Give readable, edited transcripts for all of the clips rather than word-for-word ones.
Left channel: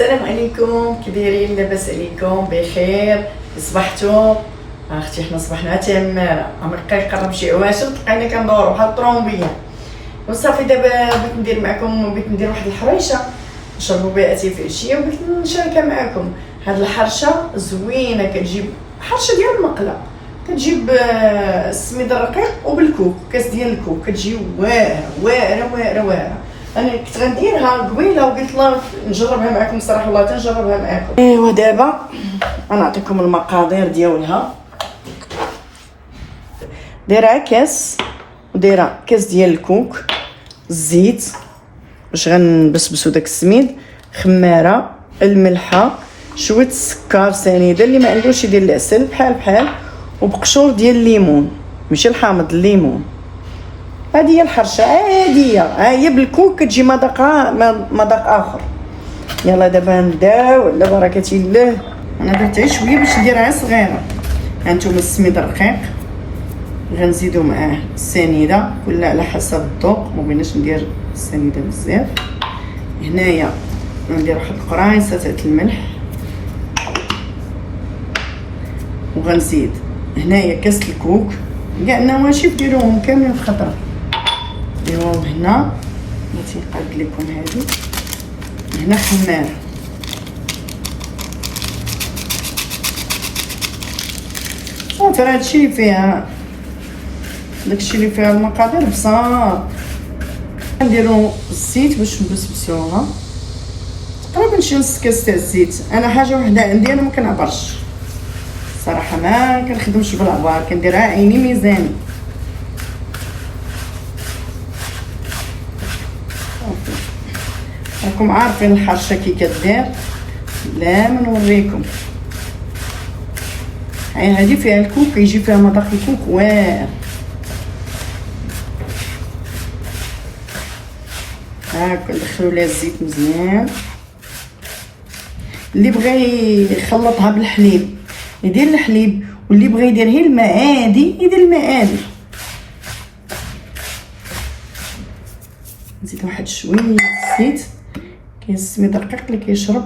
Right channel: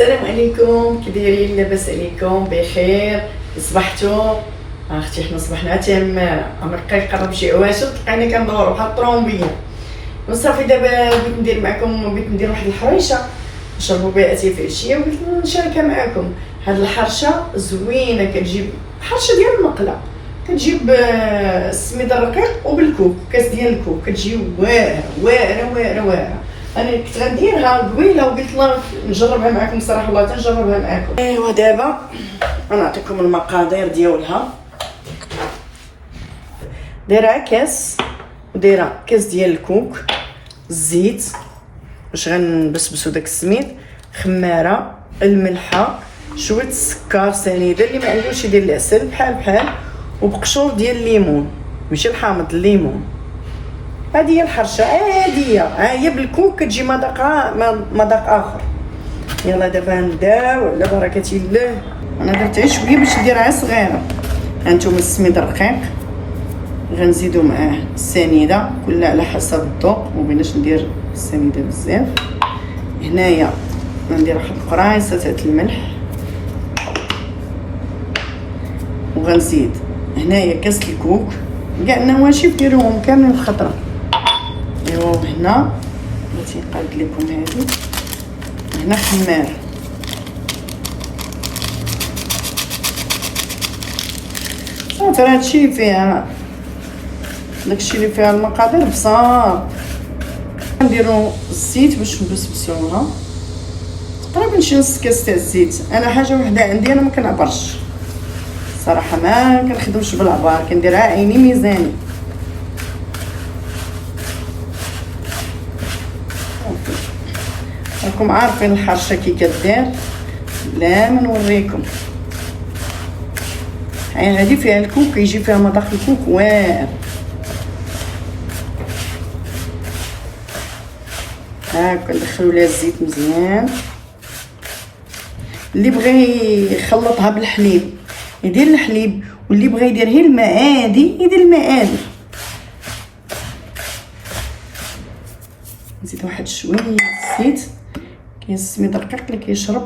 السلام عليكم، كي دايرين؟ لاباس عليكم؟ بخير؟ صبحتوا؟ اختي حنا صبحنا تماره، عمرك قرب شي عواشر لقينا كندورو بحال الطرومبيه. وصافي دابا بغيت ندير معكم، بغيت ندير واحد الحريشه نشربوا بها اتاي في العشيه، وبغيت نشاركها معكم. هاد الحرشه زوينه، كتجيب حرشه ديال المقله، كتجيب السميد الرقيق وبالكوك، كاس ديال الكوك، كتجي واعره واعره واعره واعره. انا كنت غنديرها قبيله وقلت الله نجربها معكم، صراحه والله تنجربها معكم. ايوا دابا غنعطيكم المقادير ديالها. دايره كاس، ودايره كاس ديال الكوك، الزيت باش غنبسبسوا داك السميد، خماره، الملحه، شويه السكر سنيده، اللي ما عندوش يدير العسل بحال وبقشور ديال الليمون، ماشي الحامض، الليمون. هذه هي الحرشه عاديه، ها هي بالكوك كتجي مذاق اخر. يلا دابا نبداو على بركه الله. انا درت غير شويه باش نديرها صغيره. هانتوما السميد الرقيق غنزيدو معاه السنيده، كل على حسب الذوق، ما بغيناش ندير السنيده بزاف. هنايا غندير واحد القرايصه تاع الملح، وغنزيد هنايا كاس الكوك، كاع النواشف ديروهم كاملين بخطره. ايوا هنا بغيت نقاد لكم هذه، هنا خماره، صافي راه هادشي فيها، داكشي اللي فيها المقادير بصار. نديرو الزيت باش نبسبسوها، تقريبا شي نص كاس تاع الزيت. انا حاجه وحده عندي، انا ما كنعبرش صراحه، ما كنخدمش بالعبار، كنديرها عيني ميزاني. راكم عارفين الحرشه كي كدير، لا ما نوريكم. هذه فيها الكوك، يجي فيها مذاق الكوك واعر. هاكا ندخلوا لها الزيت مزيان. اللي بغى يخلطها بالحليب يدير الحليب، واللي بغى يدير غير الماء عادي يدير الماء عادي. نزيد واحد شويه الزيت، كاين السميد الرقيق اللي كيشرب.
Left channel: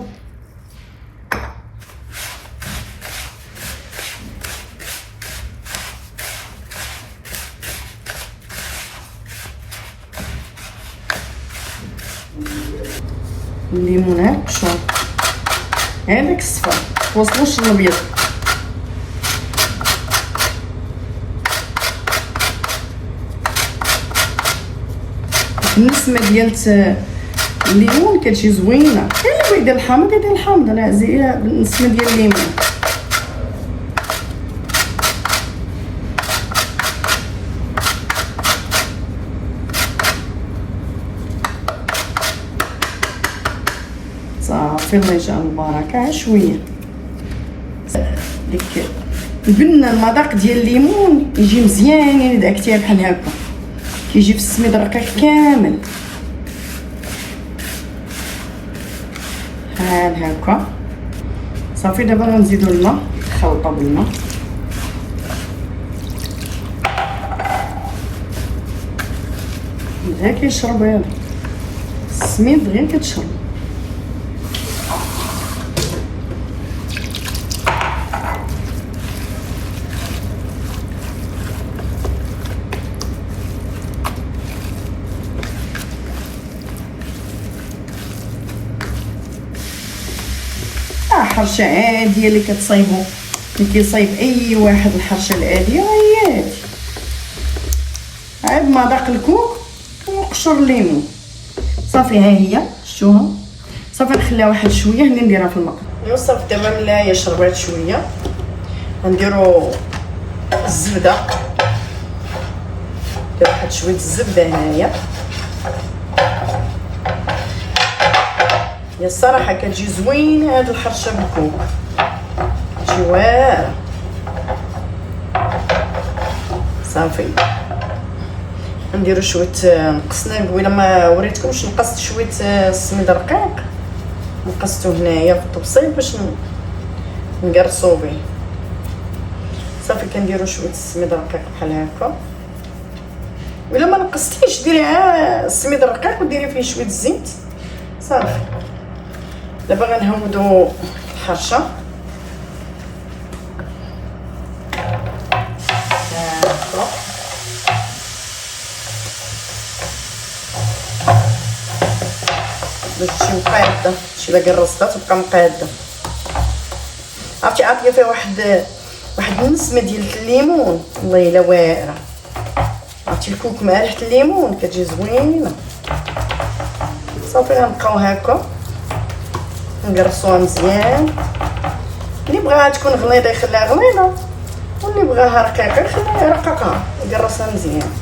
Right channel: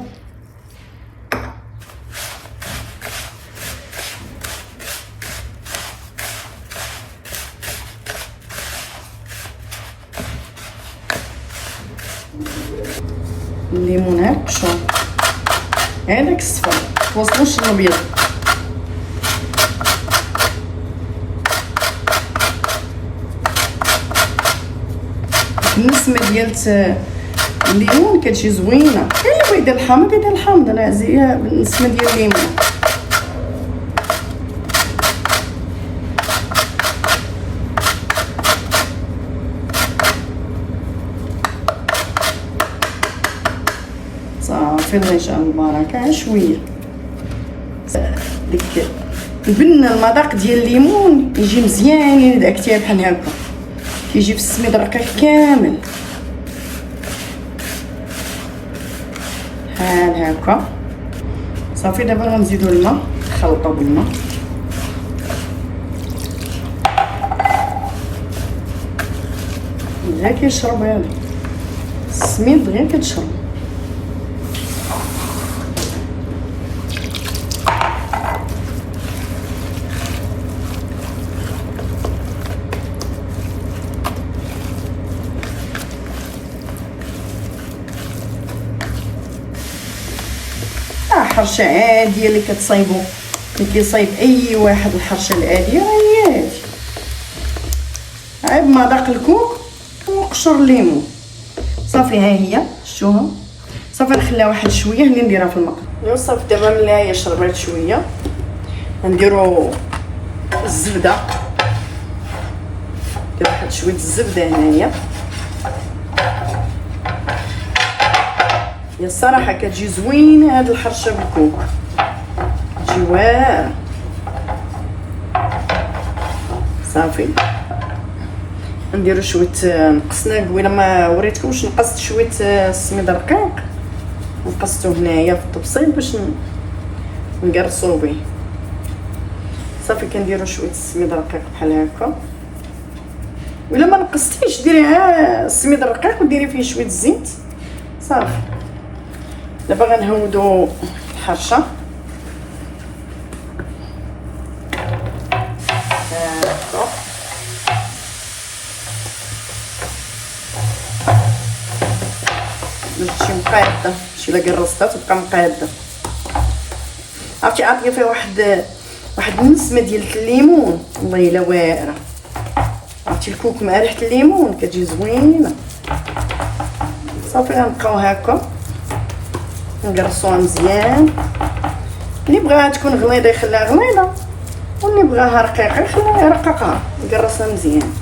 الليمون بشور، هذاك الصفر توصلوش للابيض. النسمه ديال الليمون كتجي زوينه. كاين اللي بغا يدير الحامض يدير الحامض، انا عزيه بالنسمه ديال الليمون. صافي الله يجعل البركه. شويه ديك البنه، المذاق ديال الليمون يجي مزيان اذا دعكتيها بحال هكا، كيجي في السميد الرقيق كامل بحال هكا. صافي دابا غنزيدو الماء، نخلطو بالماء. غير كيشرب هذا السميد، غير كتشرب. حرشه عاديه اللي كتصايبو، اللي كيصايب اي واحد الحرشه العاديه هي هادي، عاد مذاق الكوك وقشور الليمون. صافي ها هي شفتوها. صافي نخليها واحد شويه اللي نديرها في المقله. ايوا صافي دابا ملي هي شربات شويه غنديرو الزبده، ندير واحد شويه الزبده هنايا. يا الصراحه كتجي زوينه هاد الحرشه بالكوك، كتجي واعره. صافي نديرو شويه، نقصنا قبيله ما وريتكمش، نقصت شويه السميد الرقيق، نقصتو هنايا في الطبسيل باش نقرصو به. صافي كنديرو شويه السميد الرقيق بحال هكا، ولا ما نقصتيش ديري السميد الرقيق وديري فيه شويه الزيت صافي. دابا غنهودو الحرشه. باش تمشي مقاده، شي باقي الرصه تبقى مقاده. عرفتي عطيه فيها واحد النسمه ديال الليمون، والله الا واعره. عرفتي الكوك مع ريحه الليمون كتجي زوينه. صافي غنبقاو هكا ندرسوها مزيان. اللي بغاها تكون غليظه يخليها غليظه، واللي بغاها رقيقه يخليها رقيقه يقرصها مزيان.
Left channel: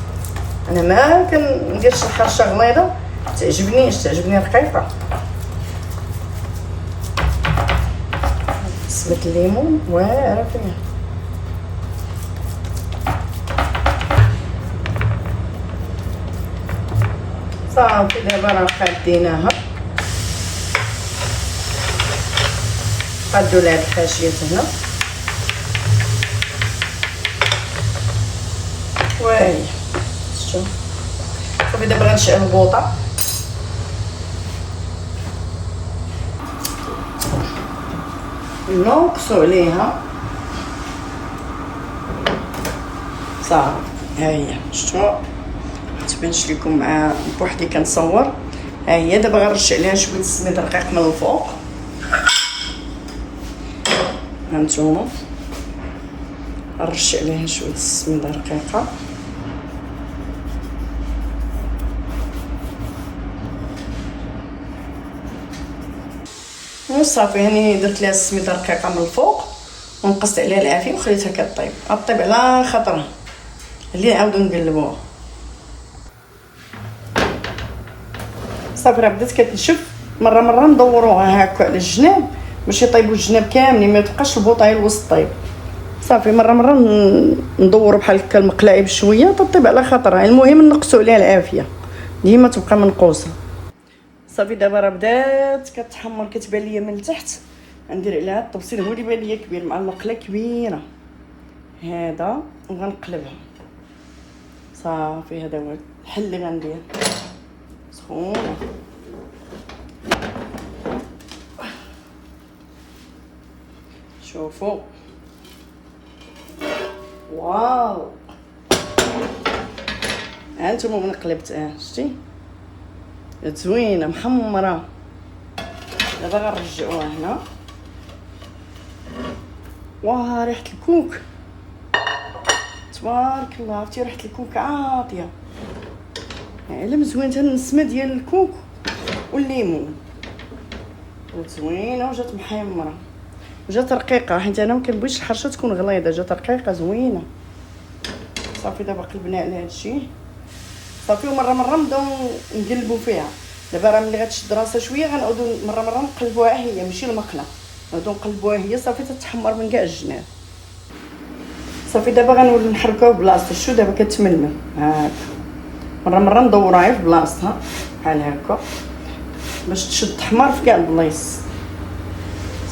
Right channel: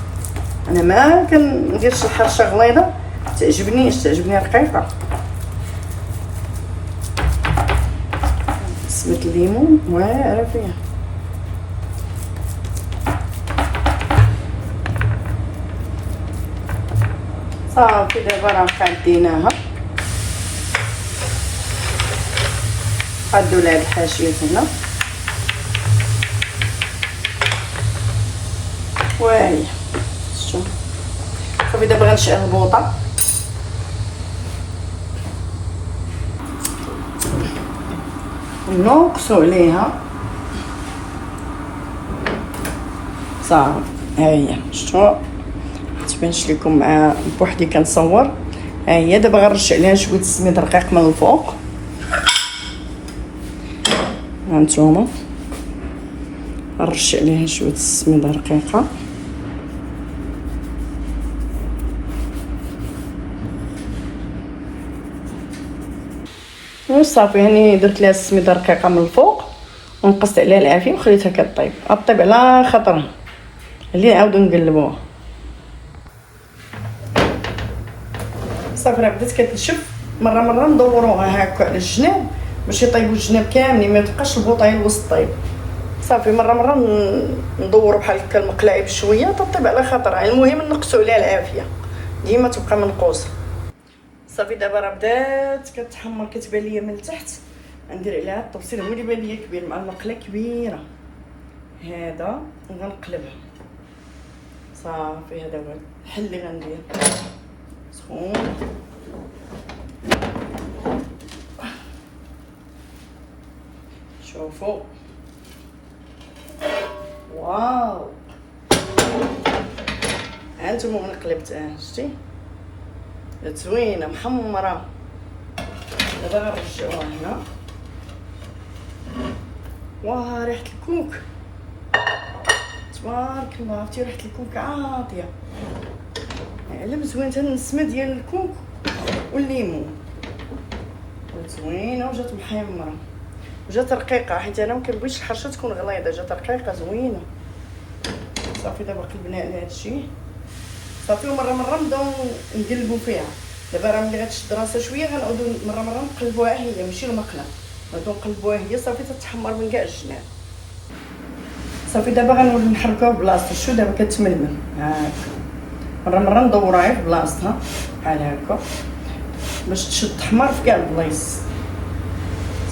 انا ما كنديرش الحرشه غليظه، تعجبني رقيقه. نسمة الليمون واعره فيها. صافي دابا راه قاديناها. قادو لها الحاشيات هنا، وهي شتو. صافي دابا غنشعل البوطه. نقصو عليها صافي. ها هي شتو متبانش لكم مع بوحدي كنصور. ها هي دابا غنرش عليها شويه السميد رقيق من الفوق. هانتوما نرش عليها شويه السميد رقيقه. وصافي هاني درت لها السميده رقيقه من الفوق ونقصت عليها العافيه وخليتها كطيب. غطيب على خاطرها اللي نعاودو نقلبوها. صافي راه بدات كتنشف. مره ندوروها هكا على الجناب باش يطيبوا الجناب كاملين، ما يبقاش البوطه الوسط طيب. صافي مره ندوروا بحال هكا المقلاعي بشويه تطيب على خاطرها. المهم نقصوا عليها العافيه ديما تبقى منقوصه. صافي دابا راه بدات كتحمر، كتبان ليا من التحت. ندير عليها الطبسيل، هو اللي بان ليا كبير مع المقله كبيره هذا، وغنقلبها. صافي هذا هو الحل اللي غندير. سخون شوفوا. واو هانتوما من قلبتها شتي زوينه محمره. دابا غنرجعوها هنا. واه ريحه الكوك تبارك الله. عرفتي ريحه الكوك عاطيه، علم زوينه. انا النسمه ديال الكوك والليمون زوينه وجات محمره وجات رقيقه، حيت انا ما كنبغيش الحرشه تكون غليظه. جات رقيقه زوينه. صافي دابا قلبنا على هادشي. صافي ومره نبداو نقلبوا فيها. دابا راه ملي غتشد راسها شويه غنعاودو مره نقلبوها هي ماشي المقله، نعاودو نقلبوها هي. صافي تتحمر من كاع الجناب. صافي دابا غنولي نحركوها بلاصتها. شو دابا كتململ هاك. مره ندورها في بلاصتها بحال هكا باش تشد تحمر في كاع البلايص.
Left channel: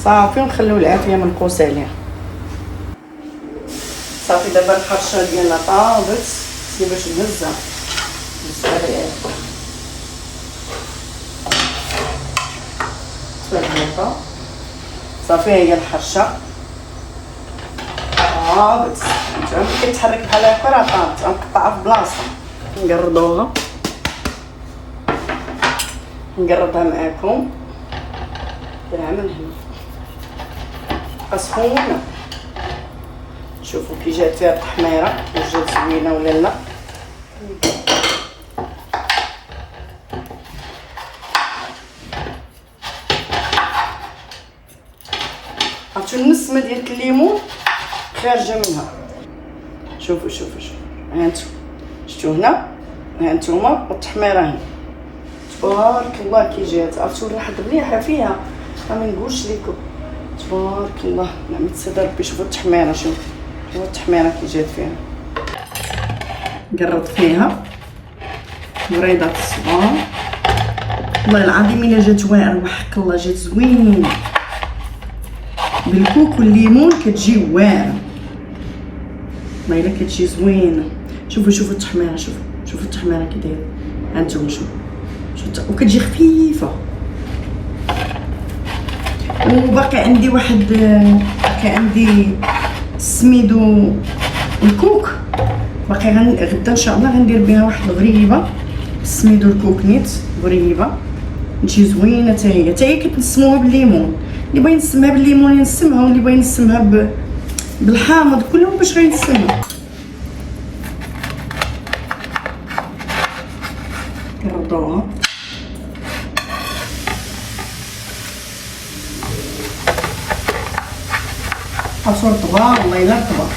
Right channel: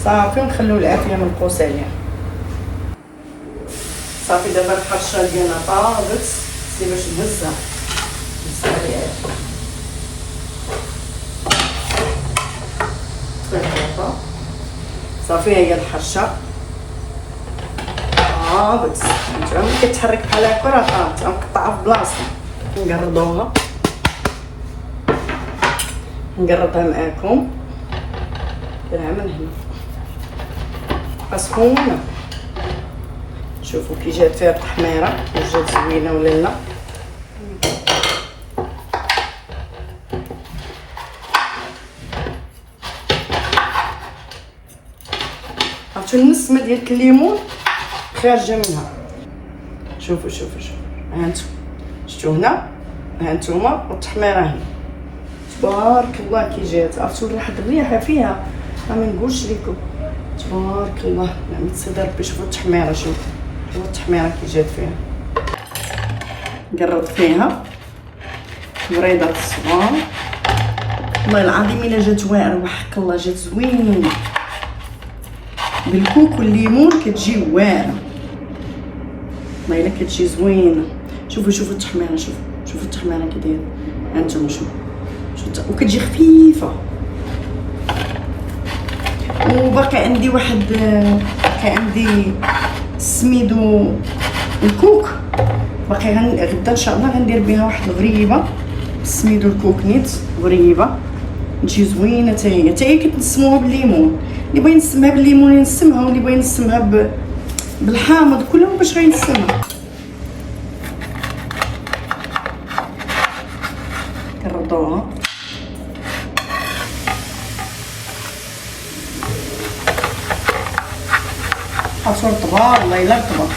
صافي ونخليو العافيه منقوصه عليها. صافي دابا الحرشه ديالنا طابت. سير باش نهزها صافي. هي الحرشه طابت. ملي كتحرك بحال هكا راه طابت. غنقطعها في بلاصتها. نقرضوها، نقرضها معاكم كاع من هنا. بقى سخونه. شوفوا كي جات فيها التحميره وجات زوينه ولا لا. عرفتو النسمه ديال الليمون خارجه منها. شوفوا هانتوما شفتوا هنا، هانتوما والتحميره هنا. تبارك الله كي جات. عرفتوا الريحه مليحه فيها ما نقولش لكم. تبارك الله نعم تصدر ربي. شوفوا التحميره، شوفوا التحميره كي جات فيها. نقرط فيها وريضه الصغار. والله العظيم الا جات واعره وحق الله جات زوينه بالكوك والليمون كتجي واعره. ما الا كتجي زوينه. شوفوا التحميره. شوفوا التحميره كي دايره. هانتوما شوفوا وكتجي خفيفه. وباقي عندي واحد باقي عندي سميدو الكوك باقي غدا ان شاء الله غندير بها واحد الغريبه سميدو الكوك نيت غريبه تجي زوينه حتى هي كتنسموها بالليمون. اللي بغى ينسمها بالليمون ينسمها واللي بغى ينسمها بالحامض كلهم باش غينسمها. كنردوها عصور طبا والله الا رطبه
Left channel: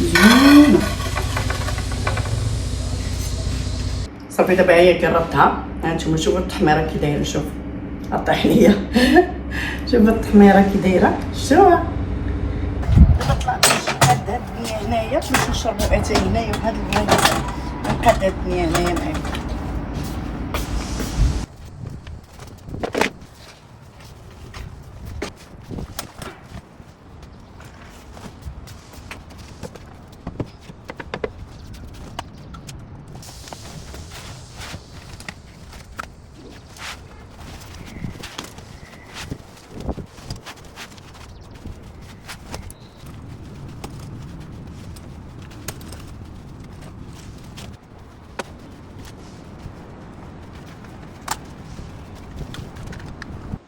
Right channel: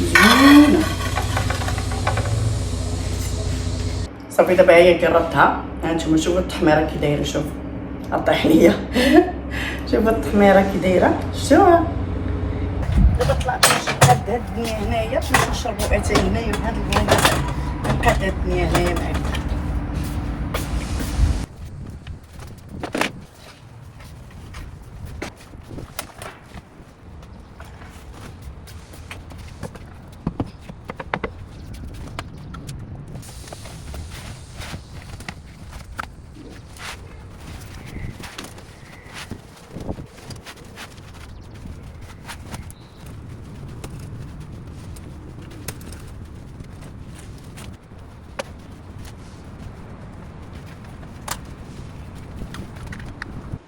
زوينه. صافي دابا هي قربتها. هانتوما شوفوا التحميره كي دايره. شوف الطحينيه شوفوا التحميره كي دايره شفتوها. دابا طلعت هاد الدنيا هنايا باش نشربوا اتاي هنايا بهاد البوينات. نقاد هاد الدنيا هنايا معايا.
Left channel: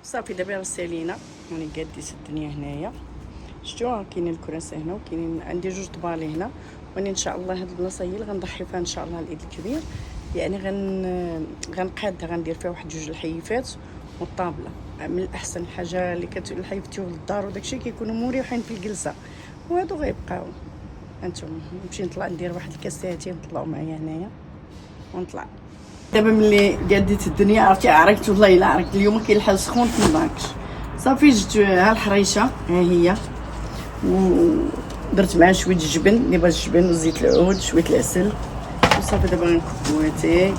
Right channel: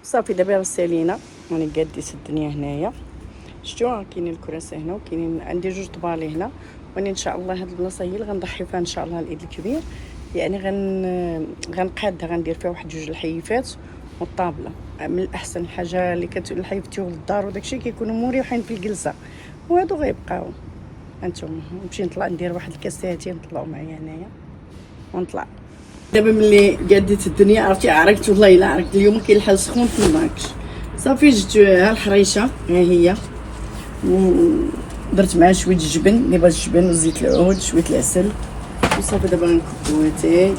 صافي دابا سالينا راني قاديت الدنيا هنايا. شفتوها كاينين الكراسي هنا وكاينين عندي جوج طبالي هنا. واني ان شاء الله هاد البلاصه هي اللي غنضحي فيها ان شاء الله العيد الكبير. يعني غنقادها غندير فيها واحد جوج الحيفات والطابله. من الاحسن حاجه اللي الحيفتي للدار وداكشي كيكونوا مريحين في الجلسه وهادو غيبقاو. هانتوما نمشي نطلع ندير واحد الكاساتين نطلعوا معايا هنايا ونطلع. دابا ملي قاديت الدنيا عرفت والله الا عرفت اليوم كاين الحال سخون تنضاكش. صافي جبت ها الحريشه ها هي ودرت معها شويه الجبن اللي بغات الجبن وزيت العود شويه العسل وصافي دابا غنكبو اتاي